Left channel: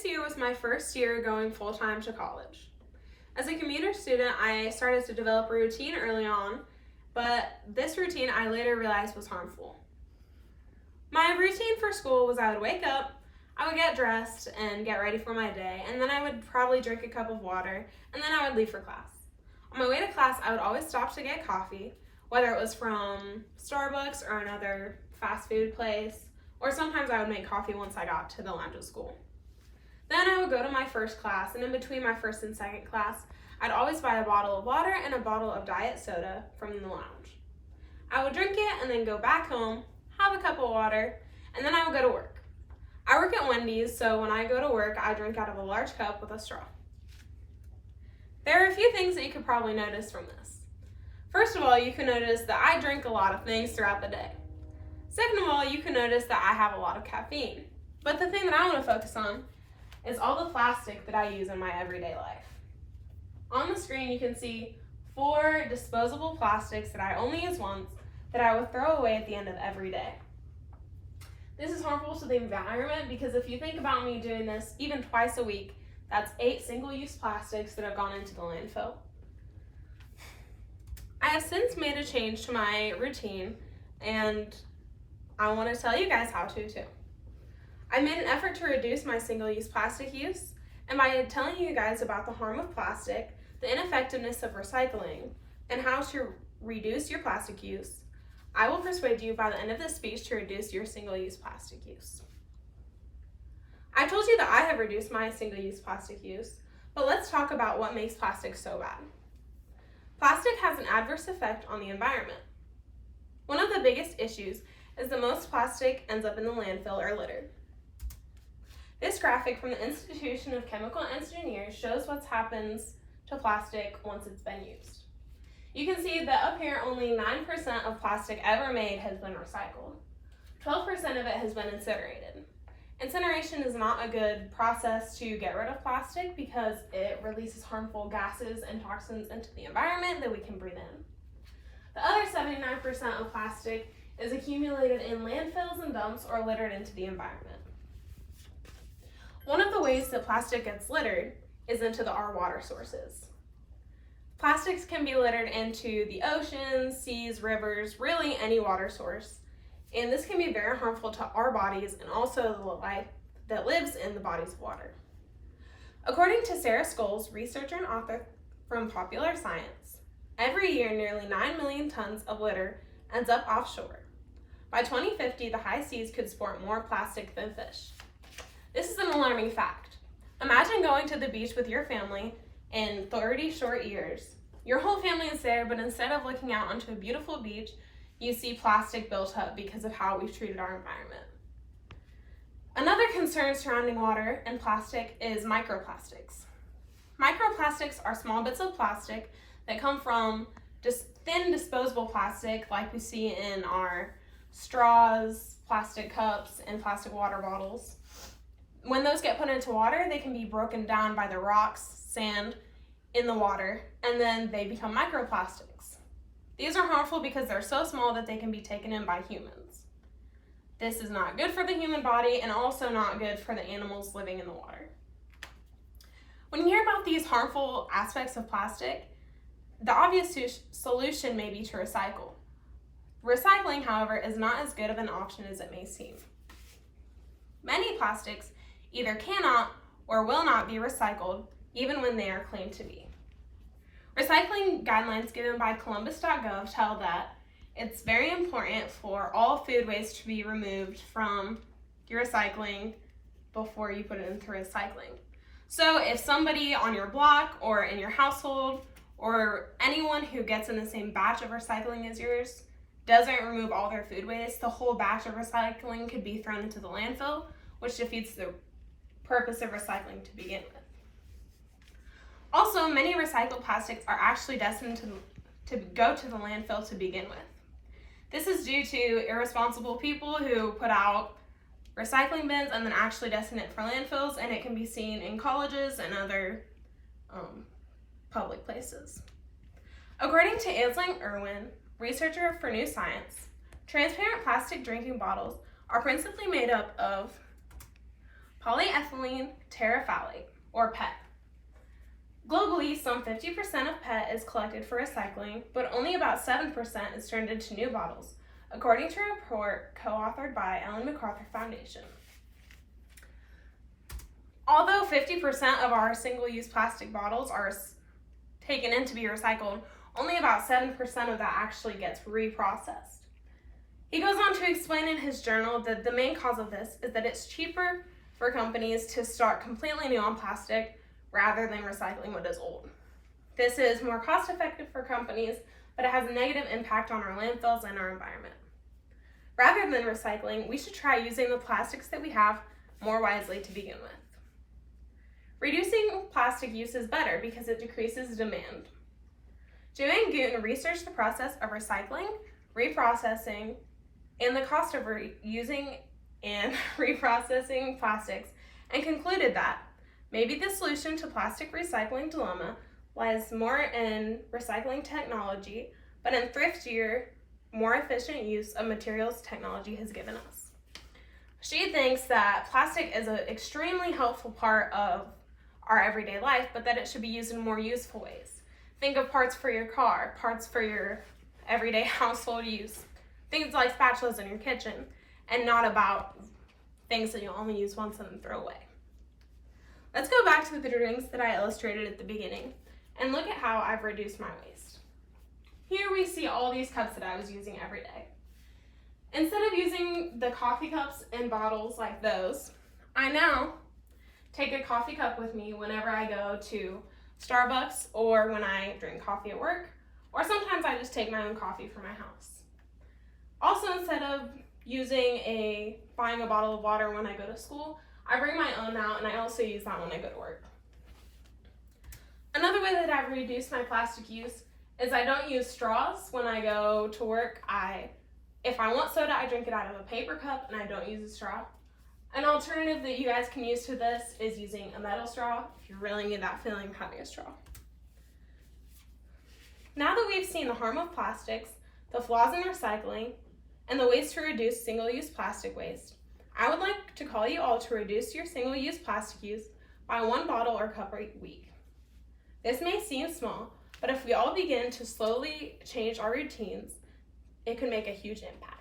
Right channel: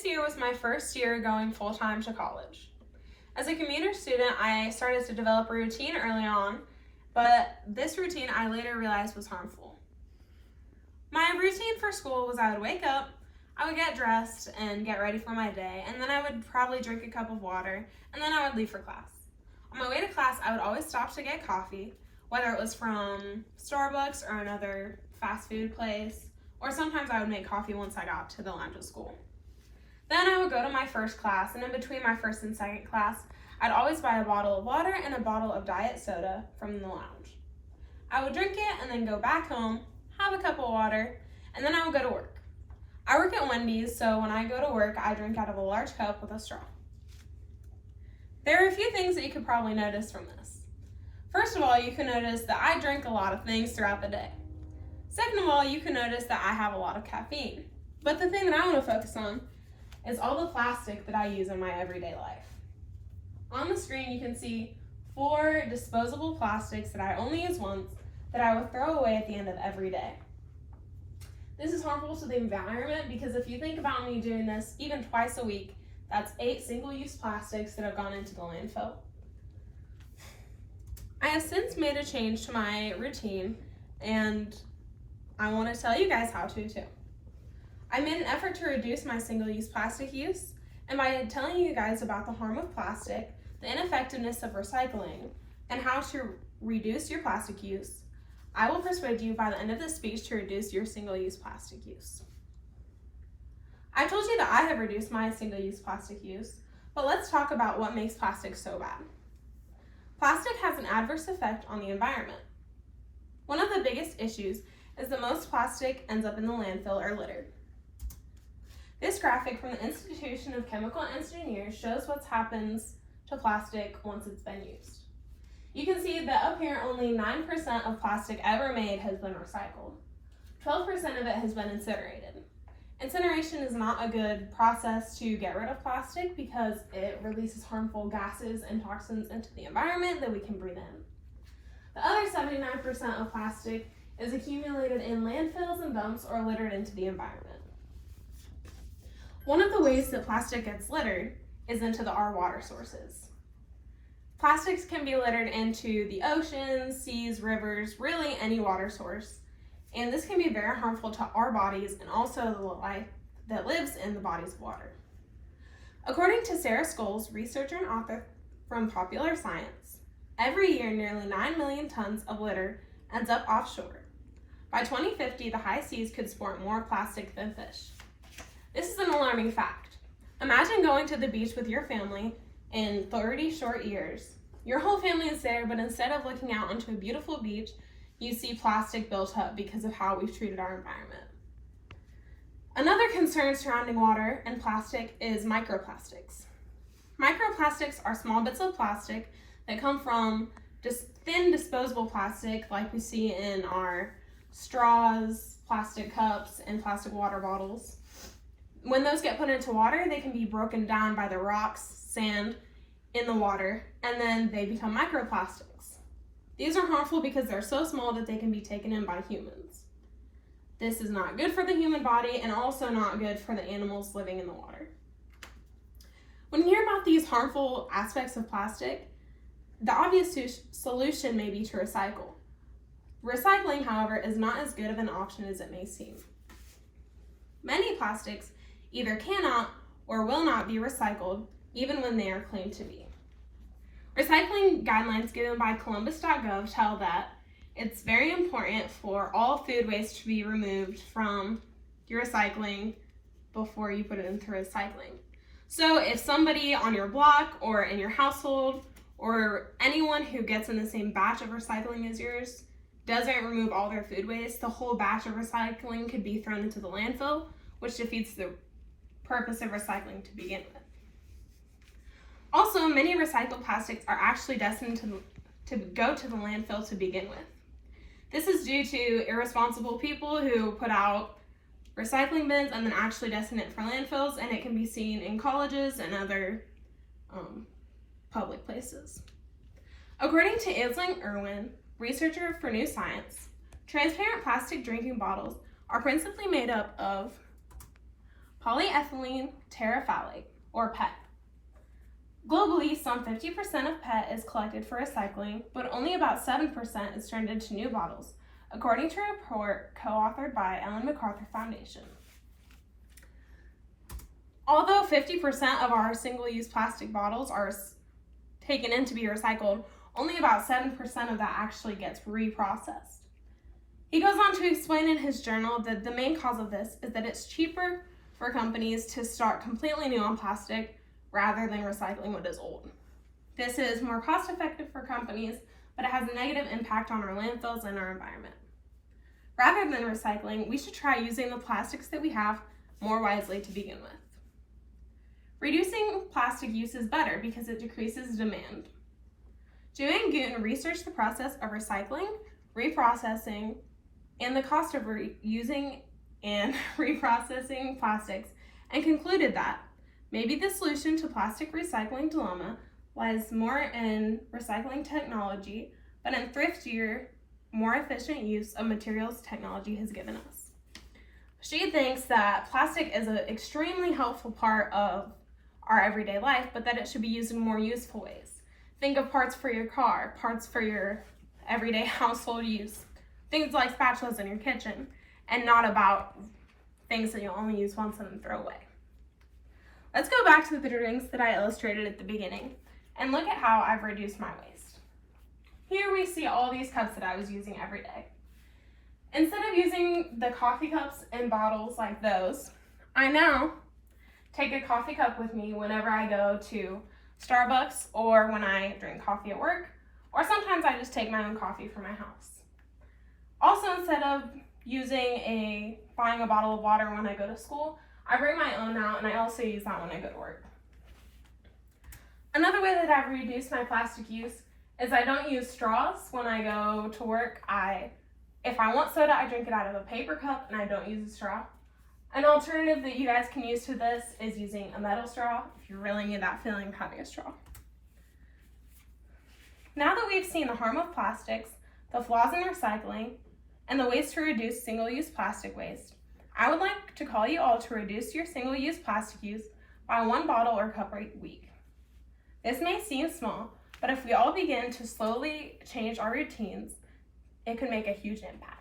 This year was my first year going full-time to college. As a commuter student, I started to develop a routine early on, but this routine I later realized was harmful. My routine for school was I would wake up, I would get dressed and get ready for my day, and then I would probably drink a cup of water, and then I would leave for class. On my way to class, I would always stop to get coffee, whether it was from Starbucks or another fast food place, or sometimes I would make coffee once I got to the lounge at school. Then I would go to my first class, and in between my first and second class, I'd always buy a bottle of water and a bottle of diet soda from the lounge. I would drink it and then go back home, have a cup of water, and then I would go to work. I work at Wendy's, so when I go to work, I drink out of a large cup with a straw. There are a few things that you could probably notice from this. First of all, you can notice that I drink a lot of things throughout the day. Second of all, you can notice that I have a lot of caffeine. But the thing that I want to focus on is all the plastic that I use in my everyday life. On the screen, you can see 4 disposable plastics that I only use once that I would throw away at the end of every day. This is harmful to the environment because if you think about me doing this even twice a week, that's 8 single-use plastics that have gone into the landfill. I have since made a change to my routine, and I want to tell you guys how to too. I made an effort to reduce my single-use plastic use, and by telling you guys about the harm of plastic, the ineffectiveness of recycling, and how to reduce your plastic use, I will persuade you by the end of this speech to reduce your single-use plastic use. I told you that I have reduced my single-use plastic use, but let's talk about what makes plastic so bad. Plastic has an adverse effect on the environment. One of the biggest issues is that most plastic ends up in the landfill or littered. This graphic from the Institution of Chemical Engineers shows what happens to plastic once it's been used. You can see that up here only 9% of plastic ever made has been recycled. 12% of it has been incinerated. Incineration is not a good process to get rid of plastic because it releases harmful gases and toxins into the environment that we can breathe in. The other 79% of plastic is accumulated in landfills and dumps or littered into the environment. One of the ways that plastic gets littered is into our water sources. Plastics can be littered into the oceans, seas, rivers, really any water source. And this can be very harmful to our bodies and also the life that lives in the bodies of water. According to Sarah Scholes, researcher and author from Popular Science, every year nearly 9 million tons of litter ends up offshore. By 2050, the high seas could sport more plastic than fish. This is an alarming fact. Imagine going to the beach with your family in 30 short years. Your whole family is there, but instead of looking out onto a beautiful beach, you see plastic built up because of how we've treated our environment. Another concern surrounding water and plastic is microplastics. Microplastics are small bits of plastic that come from just thin disposable plastic like we see in our straws, plastic cups, and plastic water bottles. When those get put into water, they can be broken down by the rocks, sand in the water, and then they become microplastics. These are harmful because they're so small that they can be taken in by humans. This is not good for the human body and also not good for the animals living in the water. When you hear about these harmful aspects of plastic, the obvious solution may be to recycle. Recycling, however, is not as good of an option as it may seem. Many plastics either cannot or will not be recycled, even when they are claimed to be. Recycling guidelines given by Columbus.gov tell that it's very important for all food waste to be removed from your recycling before you put it into recycling. So if somebody on your block or in your household or anyone who gets in the same batch of recycling as yours doesn't remove all their food waste, the whole batch of recycling could be thrown into the landfill, which defeats the purpose of recycling to begin with. Also, many recycled plastics are actually destined to go to the landfill to begin with. This is due to irresponsible people who put out recycling bins and then actually destine it for landfills, and it can be seen in colleges and other public places. According to Aisling Irwin, researcher for New Science, transparent plastic drinking bottles are principally made up of polyethylene terephthalate, or PET. Globally, some 50% of PET is collected for recycling, but only about 7% is turned into new bottles, according to a report co-authored by Ellen MacArthur Foundation. Although 50% of our single-use plastic bottles are taken in to be recycled, only about 7% of that actually gets reprocessed. He goes on to explain in his journal that the main cause of this is that it's cheaper for companies to start completely new on plastic rather than recycling what is old. This is more cost-effective for companies, but it has a negative impact on our landfills and our environment. Rather than recycling, we should try using the plastics that we have more wisely to begin with. Reducing plastic use is better because it decreases demand. Dewey and Gooten researched the process of recycling, reprocessing, and the cost of reusing and reprocessing plastics, and concluded that maybe the solution to plastic recycling dilemma lies more in recycling technology, but in thriftier, more efficient use of materials technology has given us. She thinks that plastic is an extremely helpful part of our everyday life, but that it should be used in more useful ways. Think of parts for your car, parts for your everyday household use, things like spatulas in your kitchen, and not about things that you'll only use once and then throw away. Let's go back to the drinks that I illustrated at the beginning and look at how I've reduced my waste. Here we see all these cups that I was using every day. Instead of using the coffee cups and bottles like those, I now take a coffee cup with me whenever I go to Starbucks or when I drink coffee at work, or sometimes I just take my own coffee from my house. Also, instead of buying a bottle of water when I go to school, I bring my own now, and I also use that when I go to work. Another way that I've reduced my plastic use is I don't use straws when I go to work. If I want soda, I drink it out of a paper cup, and I don't use a straw. An alternative that you guys can use to this is using a metal straw if you really need that feeling of having a straw. Now that we've seen the harm of plastics, the flaws in recycling, and the ways to reduce single-use plastic waste, I would like to call you all to reduce your single-use plastic use by 1 bottle or cup a week. This may seem small, but if we all begin to slowly change our routines, it could make a huge impact.